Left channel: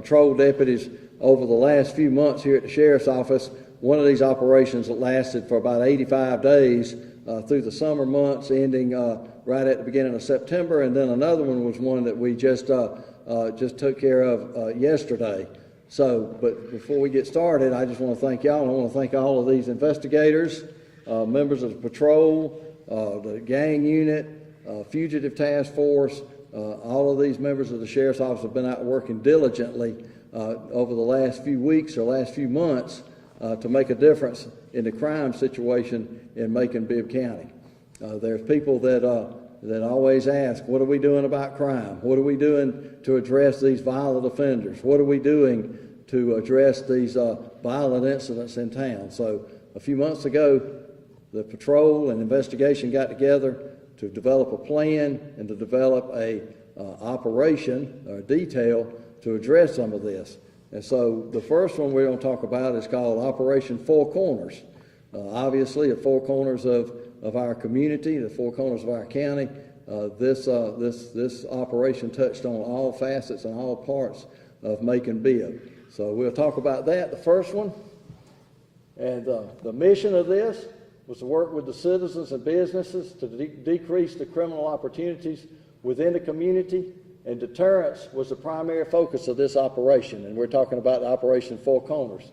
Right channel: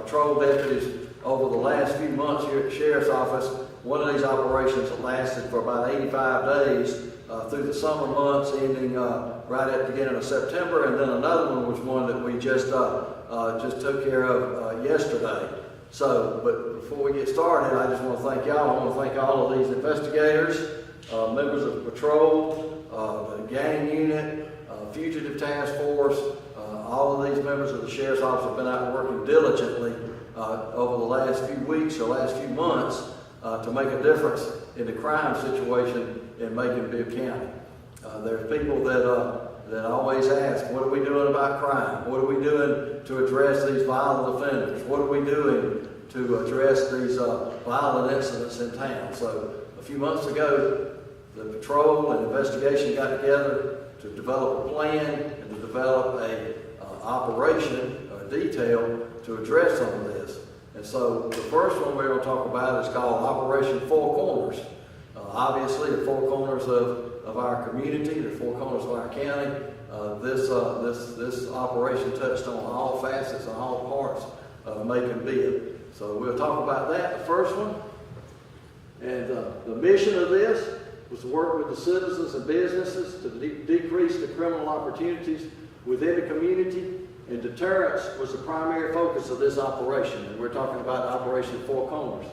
patrol deputies over the last few months here at the Sheriff's Office. One of these operations that lasted for about 85 days through the summer months, ending right at the beginning of September, and then another one was one that we just took care of yesterday. So, but before we get started, I just want to thank y'all. I want to thank all of these investigators, members of the patrol, the gang unit, fugitive task force. All of these members of the Sheriff's Office have been out working diligently over the last few weeks or last few months to make a difference in the crime situation in Macon, Bibb County. There's people that always ask, what are we doing about crime? What are we doing to address these violent offenders? What are we doing to address these violent incidents in town? So a few months ago, the patrol and investigation got together to develop a plan and to develop a operation or detail to address some of this. And so the first one we're going to talk about is called Operation Four Corners. Obviously, the four corners of our community, the four corners of our county, this operation touched on all facets and all parts of Macon Bibb. So we'll talk about that, the first one. And the mission of this was to work with the citizens and businesses to decrease the criminal opportunities within the community, and deterrence was the primary focus of this operation. And we're talking about Operation Four Corners.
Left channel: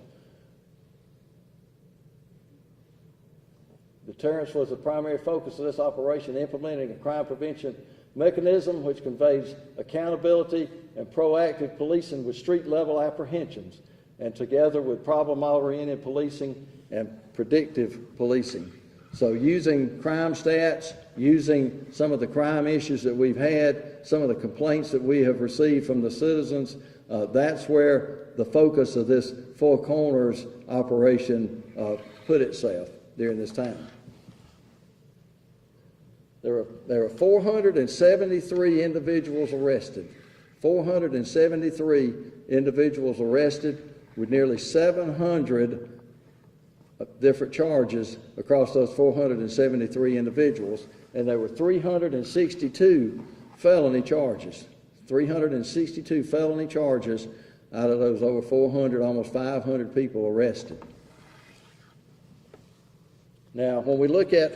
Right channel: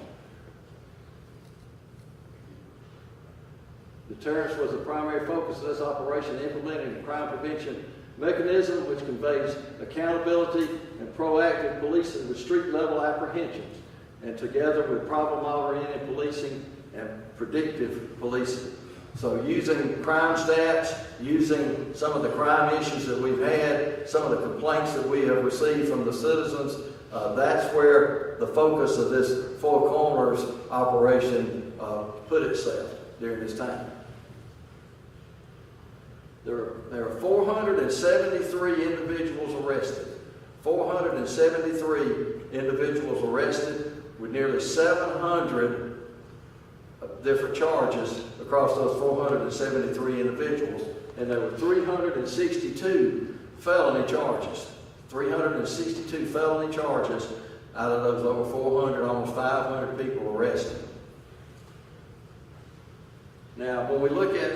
Deterrence was the primary focus of this operation, implementing a crime prevention mechanism which conveys accountability and proactive policing with street-level apprehensions, and together with problem-oriented policing and predictive policing. So using crime stats, using some of the crime issues that we've had, some of the complaints that we have received from the citizens, that's where the focus of this Four Corners operation put itself during this time. There are 473 individuals arrested. 473 individuals arrested with nearly 700 different charges across those 473 individuals. And there were 362 felony charges. 362 felony charges out of those over 400, almost 500 people arrested. Now, when we look at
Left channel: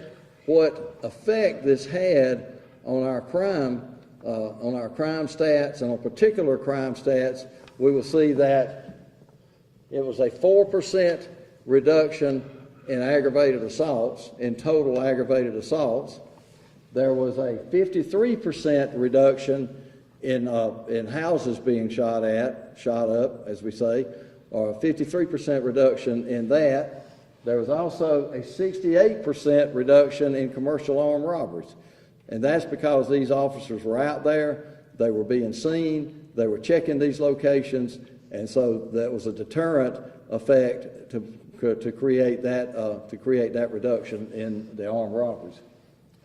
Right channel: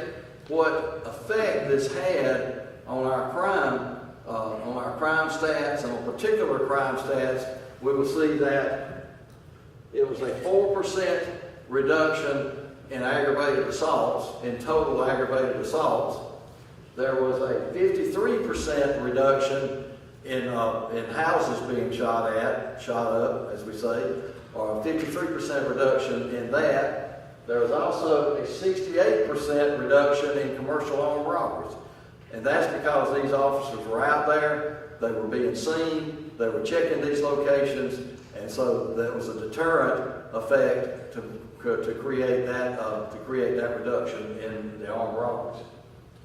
what effect this had on our crime stats and on particular crime stats, we will see that it was a 4% reduction in aggravated assaults, in total aggravated assaults. There was a 53% reduction in houses being shot up, as we say, or a 53% reduction in that. There was also a 68% reduction in commercial armed robberies. And that's because these officers were out there, they were being seen, they were checking these locations, and so that was a deterrent effect to create that reduction in the armed robberies.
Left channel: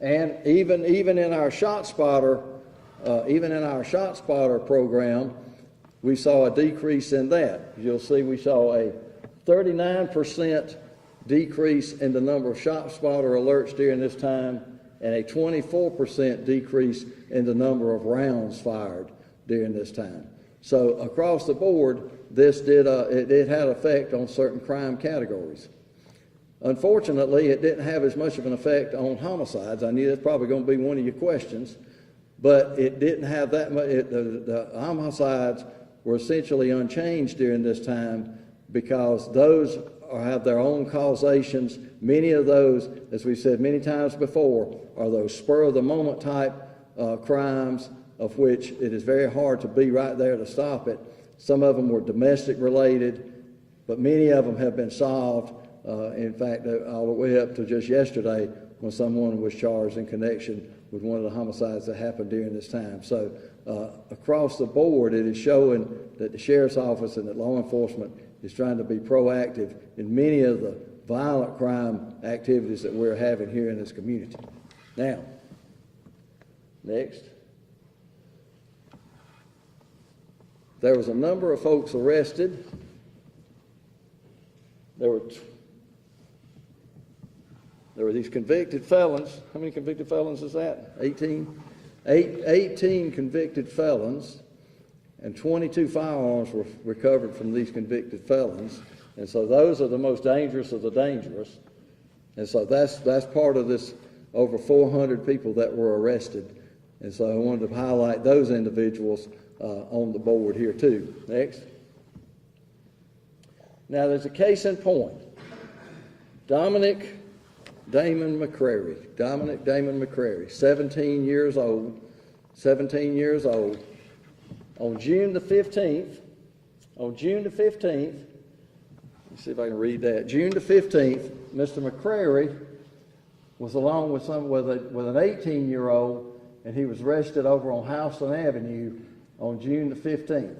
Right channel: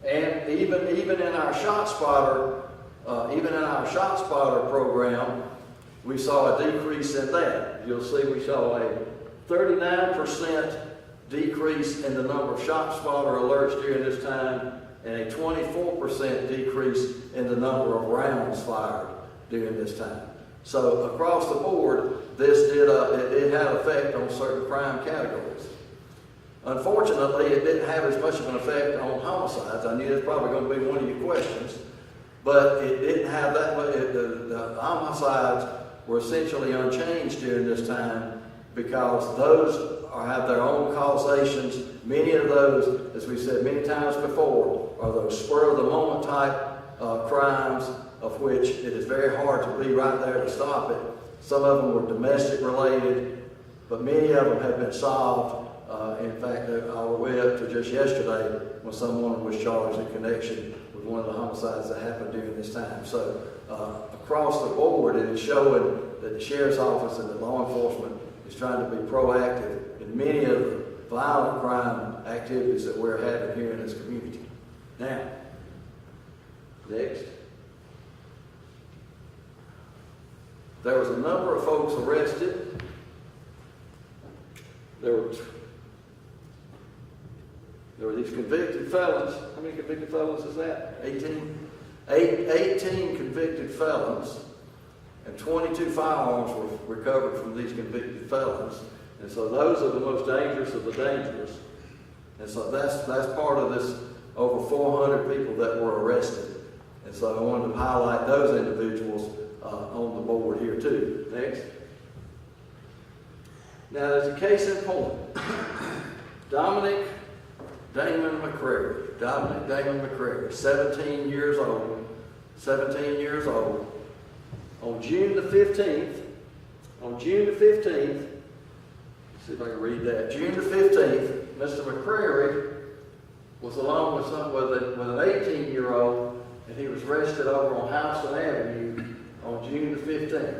And even in our shot spotter program, we saw a decrease in that. You'll see we saw a 39% decrease in the number of shot spotter alerts during this time, and a 24% decrease in the number of rounds fired during this time. So across the board, this did have effect on certain crime categories. Unfortunately, it didn't have as much of an effect on homicides. I knew that's probably going to be one of your questions, but it didn't have that much. The homicides were essentially unchanged during this time because those have their own causations. Many of those, as we said many times before, are those spur-of-the-moment type crimes of which it is very hard to be right there to stop it. Some of them were domestic related, but many of them have been solved. In fact, all the way up to just yesterday when someone was charged in connection with one of the homicides that happened during this time. So across the board, it is showing that the Sheriff's Office and the law enforcement is trying to be proactive in many of the violent crime activities that we're having here in this community. Now, next. There was a number of folks arrested. There were these convicted felons. How many convicted felons is that? 18? 18 convicted felons. and 22 firearms were recovered from these convicted felons. And so those are the most dangerous of the dangerous. And so that's part of this over 400 people that were arrested. And so I wanted to highlight those individuals on the board here too. Next. Now there's a case in point. Dominic Damon McCrary. Dominic Damon McCrary, 17 years old. 17 years old. On June the 15th, let's see if I can read that. June the 15th, Mr. McCrary was along with an 18-year-old, and he was arrested over on Houston Avenue on June the 15th.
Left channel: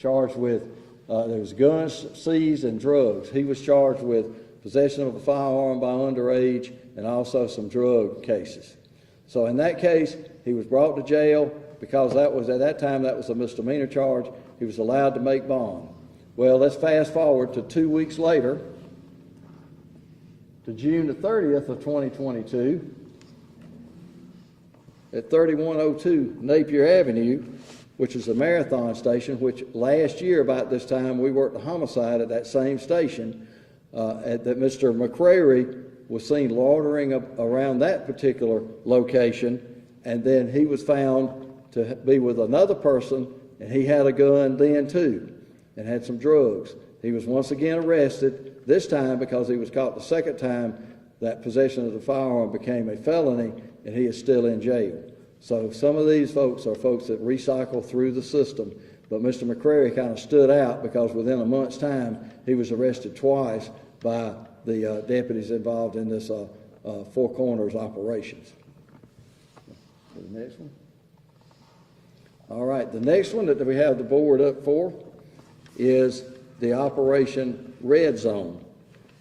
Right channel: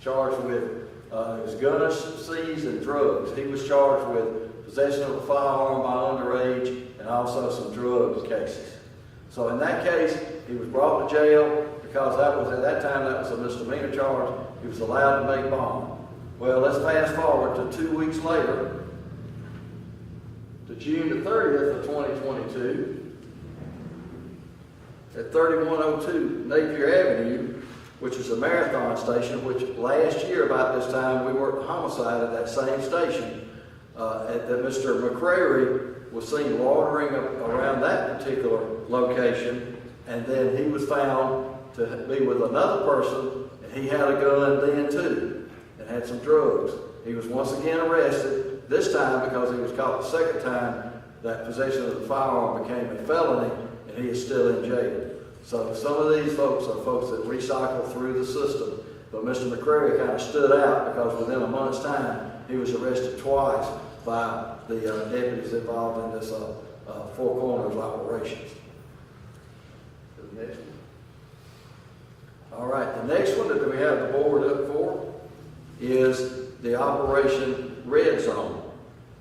Charged with, there was guns seized and drugs. He was charged with possession of a firearm by underage and also some drug cases. So in that case, he was brought to jail because at that time that was a misdemeanor charge. He was allowed to make bond. Well, let's fast forward to 2 weeks later, to June the 30th of 2022, at 3102 Napier Avenue, which is a marathon station, which last year about this time we worked a homicide at that same station, that Mr. McCrary was seen loitering around that particular location, and then he was found to be with another person, and he had a gun then too, and had some drugs. He was once again arrested, this time because he was caught the second time that possession of the firearm became a felony, and he is still in jail. So some of these folks are folks that recycle through the system, but Mr. McCrary kind of stood out because within a month's time, he was arrested twice by the deputies involved in this Four Corners operations. The next one. All right, the next one that we have the board up for is the Operation Red Zone.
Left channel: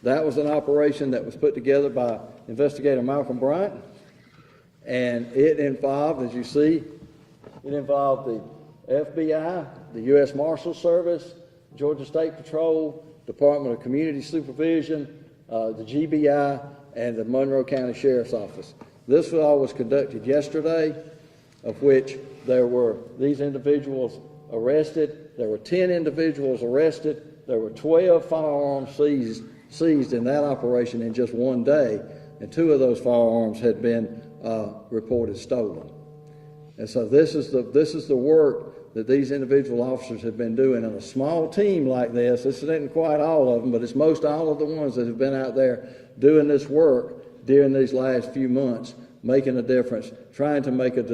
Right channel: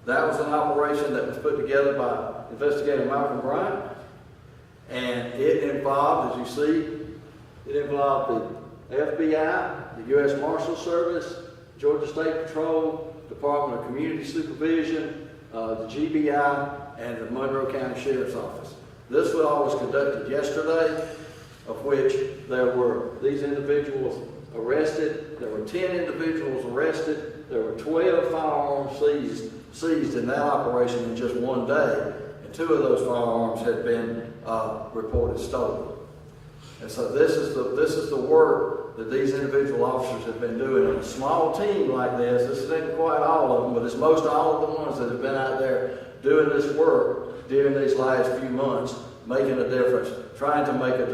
That was an operation that was put together by Investigator Malcolm Bryant, and it involved, as you see, it involved the FBI, the U.S. Marshals Service, Georgia State Patrol, Department of Community Supervision, the GBI, and the Monroe County Sheriff's Office. This all was conducted yesterday, of which there were these individuals arrested. There were 10 individuals arrested. There were 12 firearms seized in that operation in just one day, and 2 of those firearms had been reported stolen. And so this is the work that these individual officers have been doing in a small team like this. This isn't quite all of them, but it's most all of the ones that have been out there doing this work during these last few months, making a difference, trying to make a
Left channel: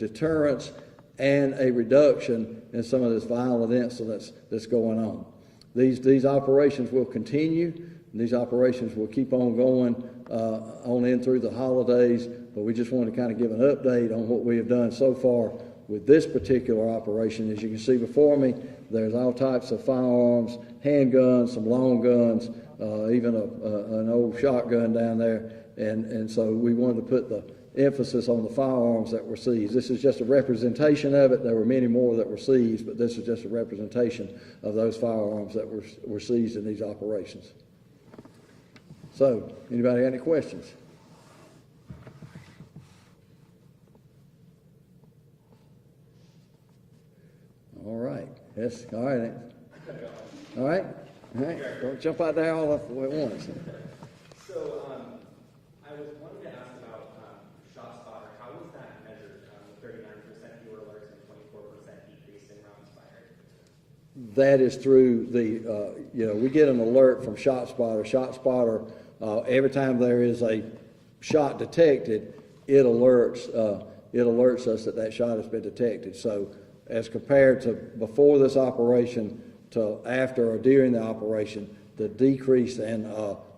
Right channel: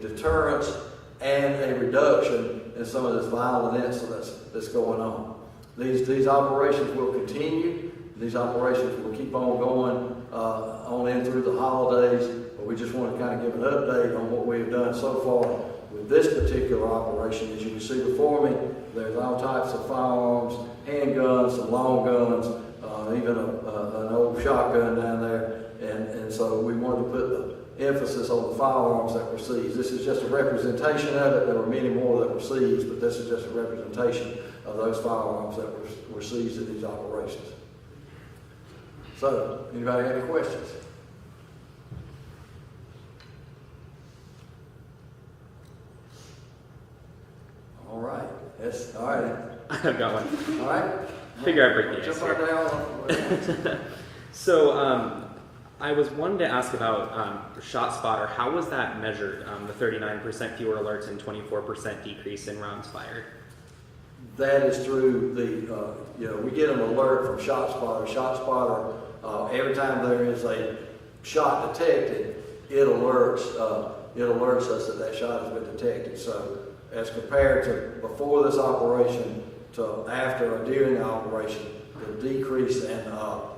deterrence and a reduction in some of this violent incidents that's going on. These operations will continue. These operations will keep on going on in through the holidays, but we just want to kind of give an update on what we have done so far with this particular operation. As you can see before me, there's all types of firearms, handguns, some long guns, even an old shotgun down there, and so we wanted to put the emphasis on the firearms that were seized. This is just a representation of it. There were many more that were seized, but this is just a representation of those firearms that were seized in these operations. So, anybody have any questions? All right. Yes. All right. I've got one. All right. Figure I'd bring Jump out there all up at once. So, I was wanting to ask about ShotSpotter. How was that measured? The 39% fewer alerts and 24% decrease in rounds fired. That is through the, we get an alert from ShotSpotter. ShotSpotter, every time there is a shot detected, it alerts us that shot has been detected. So as compared to before this operation to after or during the operation, the decrease in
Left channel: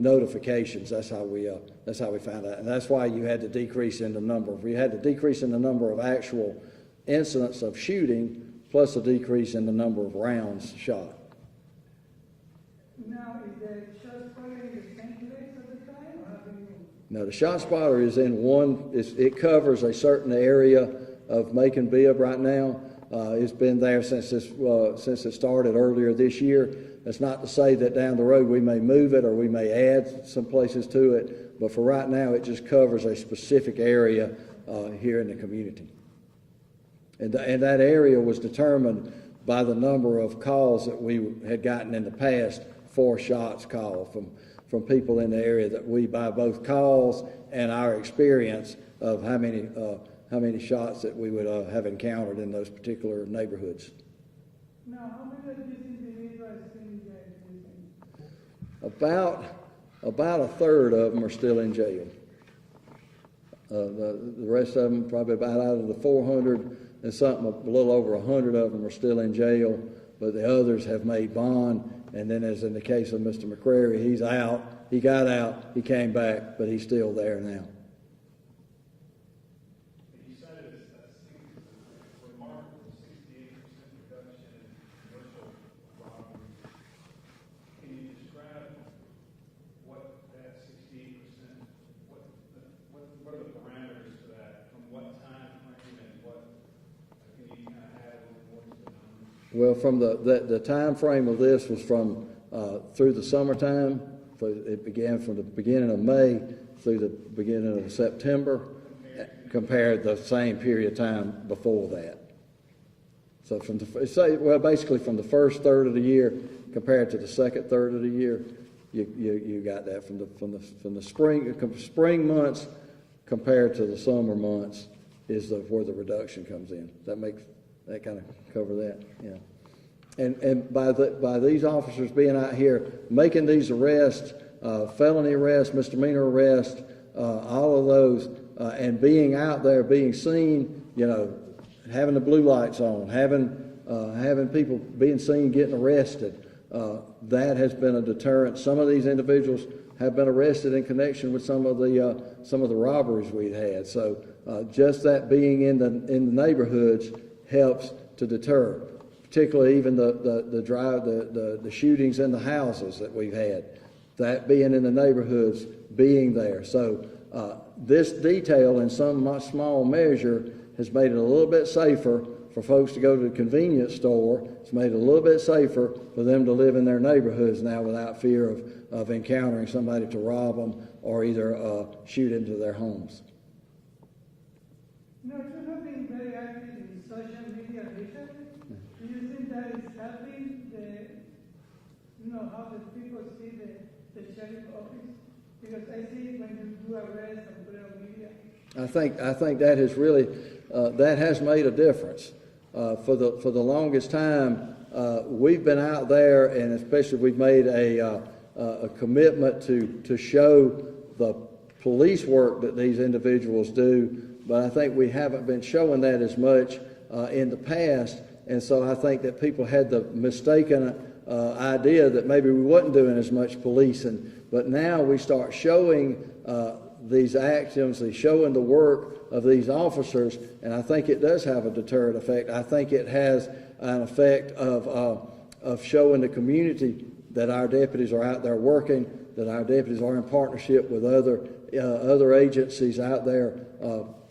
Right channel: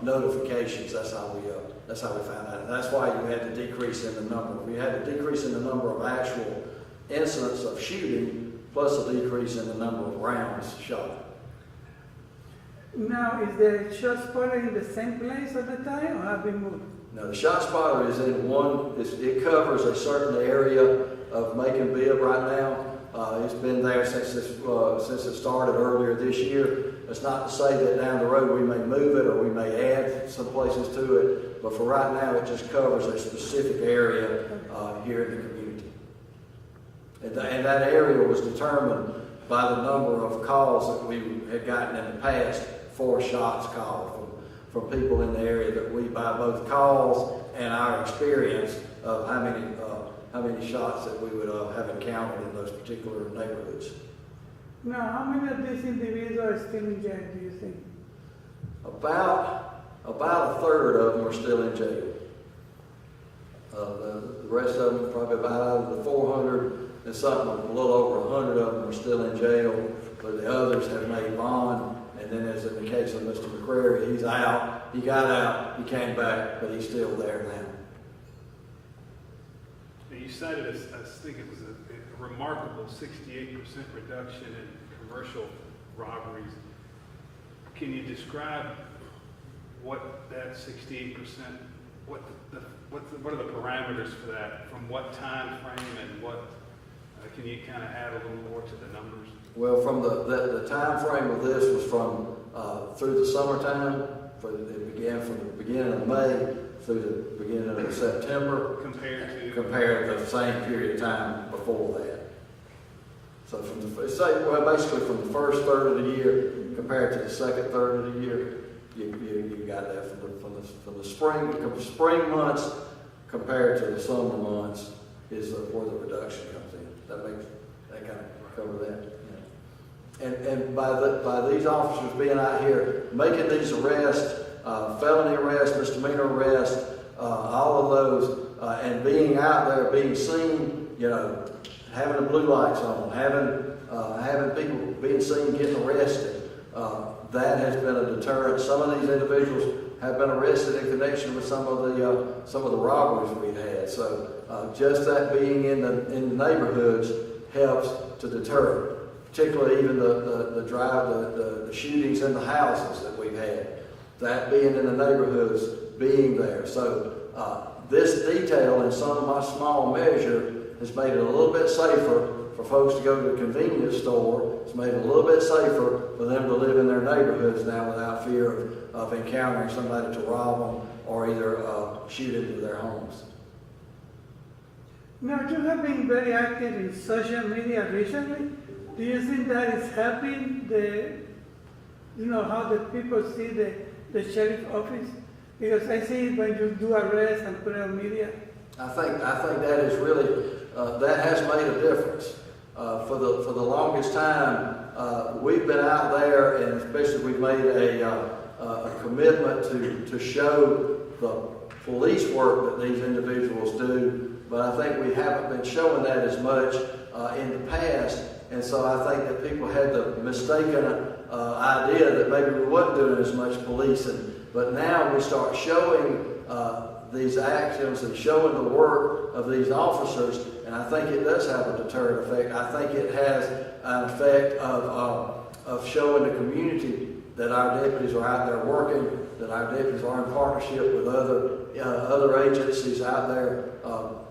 notifications, that's how we found out. And that's why you had the decrease in the number. We had the decrease in the number of actual incidents of shooting, plus a decrease in the number of rounds shot. Now, is the ShotSpotter in the same place at the time, or have we moved? No, the ShotSpotter is in one. It covers a certain area of Macon Bibb right now. It's been there since it started earlier this year. That's not to say that down the road we may move it or we may add some places to it, but for right now it just covers a specific area here in the community. And that area was determined by the number of calls that we had gotten in the past for shots called from people in the area, that we, by both calls and our experience of how many shots that we would have encountered in those particular neighborhoods. Now, how many of these individuals are still in jail, do you think? About a third of them are still in jail. The rest of them, probably about out of the 400 and something, a little over 100 of them are still in jail, but the others have made bond. And then, as in the case of Mr. McCrary, he's out. He got out, he came back, but he's still there now. You cited, I think it was a remarkable 68% reduction in commercial robberies. Can you describe what that 68%, what are the parameters for that? From what time frame, and what, can you kind of add a little more to the numbers? Well, from the time frame of this was from through the summertime. It began from the beginning of May through the beginning of September. Compared to the same period of time before that. So basically from the first third of the year compared to the second third of the year, you got that from the spring months compared to the summer months is where the reduction comes in. That kind of cover that. Yeah. And by these officers being out here making these arrests, felony arrests, misdemeanor arrests, all of those, and being out there, being seen, having the blue lights on, having people being seen getting arrested, that has been a deterrent. Some of these individuals have been arrested in connection with some of the robberies we've had. So just that being in the neighborhoods helps to deter, particularly even the shootings in the houses that we've had. That being in the neighborhoods, being there. So this detail, in some small measure, has made it a little bit safer for folks to go to the convenience store. It's made it a little bit safer for them to live in their neighborhoods now without fear of encountering somebody to rob them or either shoot into their homes. Now, you have been very active in social media recently. Do you think that is helping how the people see the sheriff's office? Because I see it when you do arrests and put it on media. I think that has really that has made a difference. For the longest time, we've been out there, and especially we've made a commitment to show the police work that these individuals do. But I think we haven't been showing that as much in the past, and so I think that people had the mistaken idea that maybe we wasn't doing as much policing. But now we start showing these actions and showing the work of these officers, and I think it does have a deterrent effect. I think it has an effect of showing the community that our deputies are out there working, that our deputies are in partnership with other agencies out there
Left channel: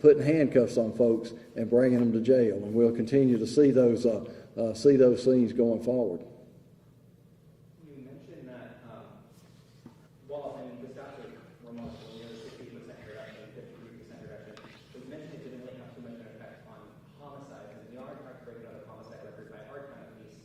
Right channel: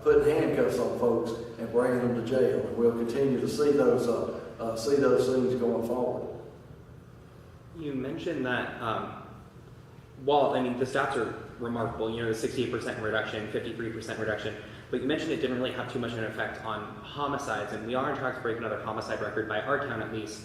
putting handcuffs on folks and bringing them to jail. And we'll continue to see those things going forward. You mentioned that. The stats are remarkable, the 68% reduction, 53% reduction, but you mentioned it didn't really have too much of an effect on homicides, and we are on track to break another homicide record by our count at least.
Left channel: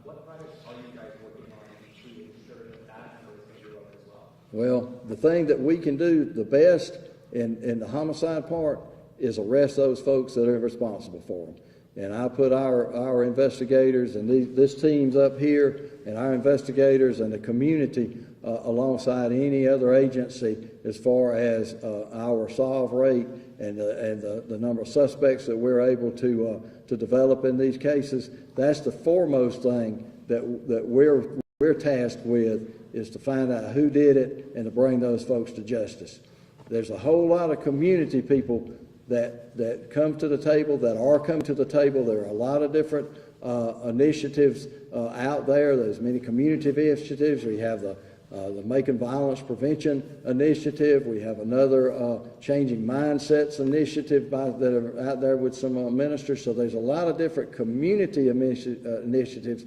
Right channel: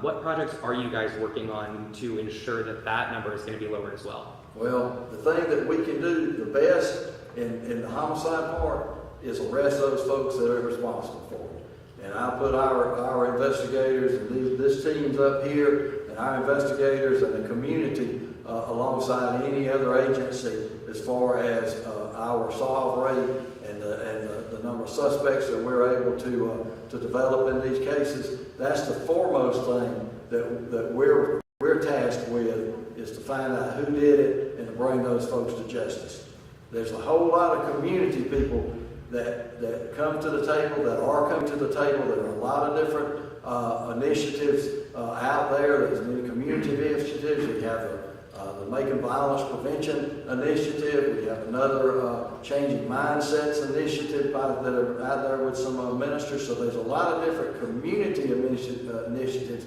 What projects are you guys working on to ensure that number is going to be lowered as well? Well, the thing that we can do the best in the homicide part is arrest those folks that are responsible for it. And I put our investigators and this team's up here, and our investigators and the community alongside any other agency as far as our solve rate and the number of suspects that we're able to develop in these cases. That's the foremost thing that we're tasked with, is to find out who did it and to bring those folks to justice. There's a whole lot of community people that come to the table, that are coming to the table. There are a lot of different initiatives out there. There's many community initiatives. We have the Making Violence Prevention Initiative. We have another Changing Mindsets Initiative that are out there with some ministers. So there's a lot of different community initiatives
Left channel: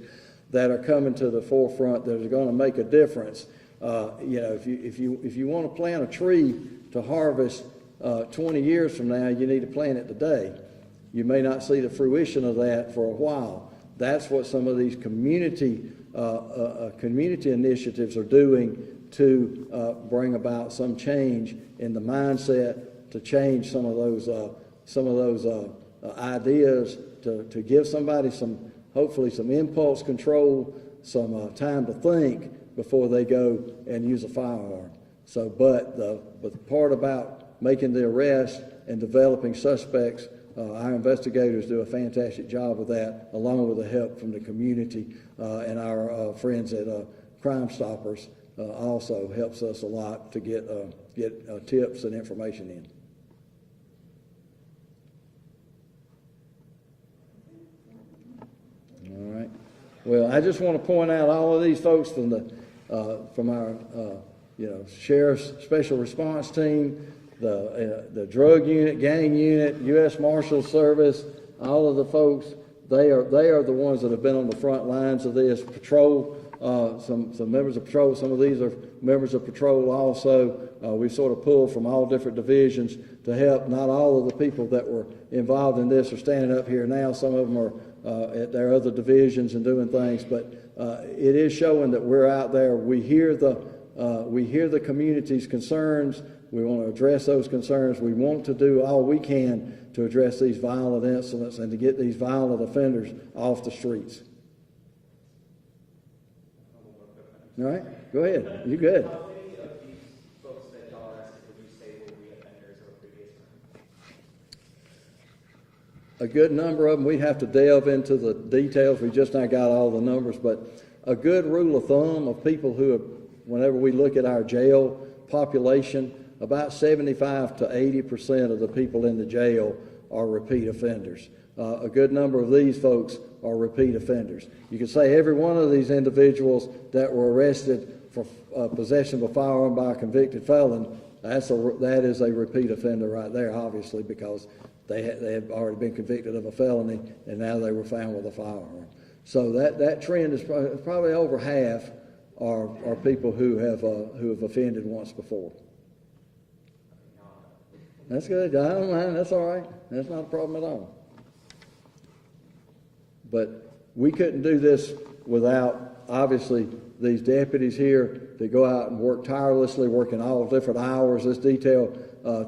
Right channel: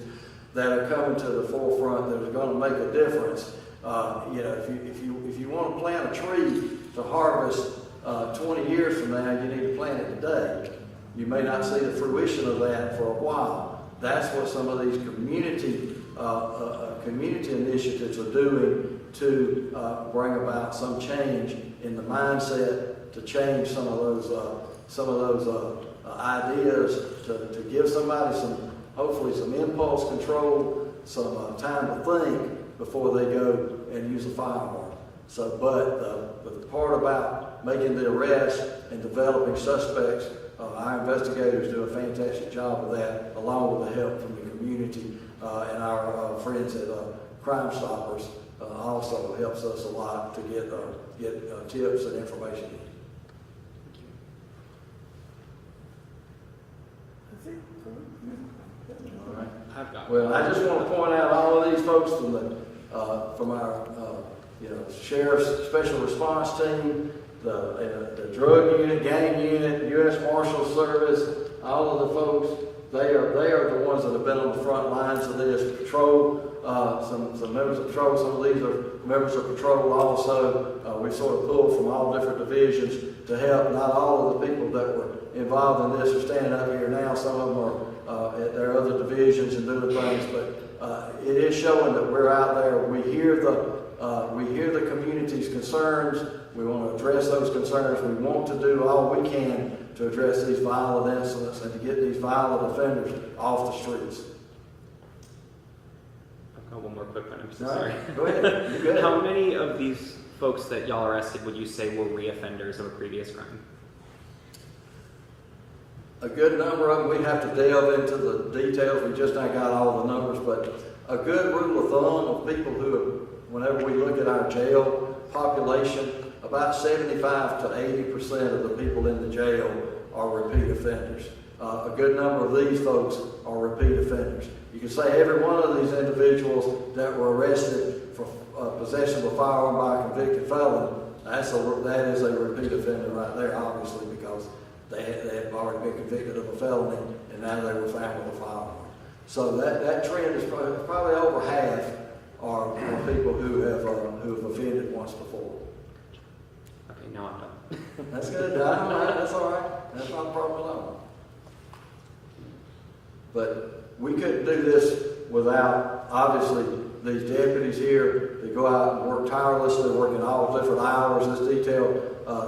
that are coming to the forefront that are going to make a difference. If you want to plant a tree to harvest 20 years from now, you need to plant it today. You may not see the fruition of that for a while. That's what some of these community initiatives are doing to bring about some change in the mindset, to change some of those ideas, to give somebody hopefully some impulse control, some time to think before they go and use a firearm. So, but the part about making the arrest and developing suspects, our investigators do a fantastic job of that, along with the help from the community and our friends at Crime Stoppers. Also helps us a lot to get tips and information in. All right. Well, I just want to point out all of these folks from our sheriff's special response team, the drug unit, gang unit, U.S. Marshal Service, all of the folks. They are the ones that have been on the front lines of this patrol. Some members of patrol. Some of these are members of patrol also. We sort of pulled from all different divisions to help. Not all of the people that were involved in this are standing up here now. Some of them are at their other divisions and doing things. But it is showing that we're out there. We hear the community's concerns. We want to address those concerns. We want to do all we can to address these violent incidents and to get these violent offenders off the streets. I've got one more quick one. I'm so All right, sorry. go ahead. You good? How many of these folks that y'all arrested would you say were reoffenders of a previous crime? A good number of them. We'd have to delve into the details. We just not got all the numbers, but a good rule of thumb of people who have, whenever we look at our jail population, about 75 to 80% of the people in the jail are repeat offenders. A good number of these folks are repeat offenders. You can say every one of these individuals that were arrested for possession of a firearm by a convicted felon, that is a repeat offender right there, obviously, because they had already been convicted of a felony and now they were found with a firearm. So that trend is probably over half are people who have offended once before. Okay, now I'm done. That's good. I don't mind. That's all right. That's not a problem at all. But we couldn't do this without, obviously, these deputies here that go out and work tirelessly, working all different hours. This detail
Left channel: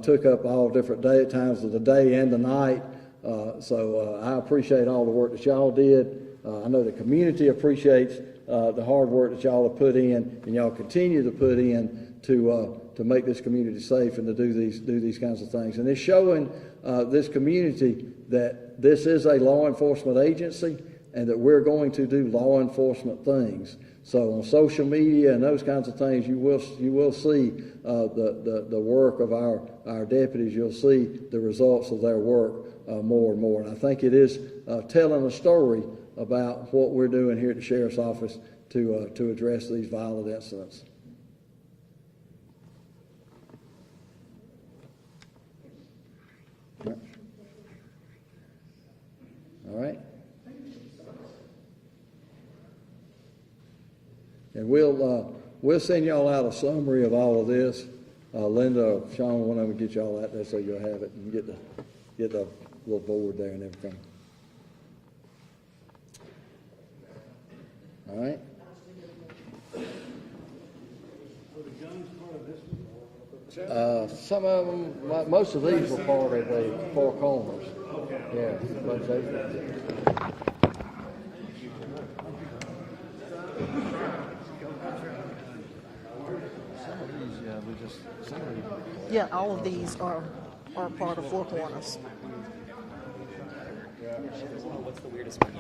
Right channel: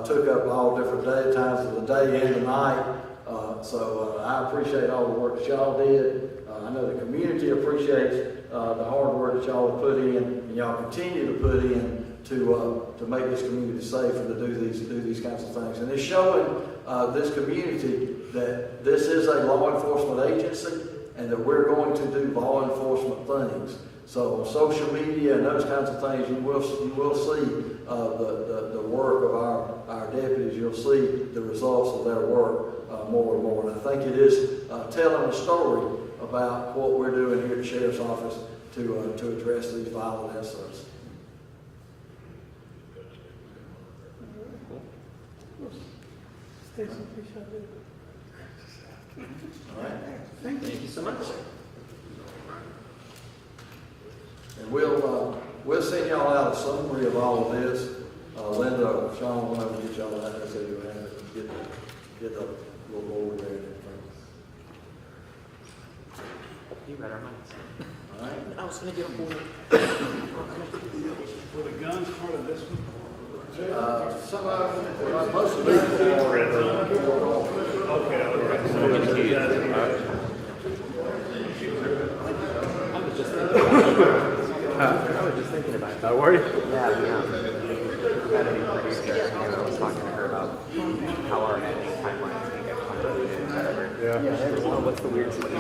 took up all different times of the day and the night. So I appreciate all the work that y'all did. I know the community appreciates the hard work that y'all have put in and y'all continue to put in to make this community safe and to do these kinds of things. And it's showing this community that this is a law enforcement agency and that we're going to do law enforcement things. So on social media and those kinds of things, you will see the work of our deputies. You'll see the results of their work more and more. And I think it is telling a story about what we're doing here at the Sheriff's Office to address these violent incidents. All right. Thank you so much. And we'll send y'all out a summary of all of this. Linda or Sean will want to get y'all that so you'll have it and get a little board there and everything. You read our minds. All right. I was going to get a board. Were the guns part of this one? Some of them, like most of these are already Okay, all right. I was just thinking about it. How are you? Yeah, all of these are part of How are those pipelines going to get funded? Yeah. What's the weirdest thing?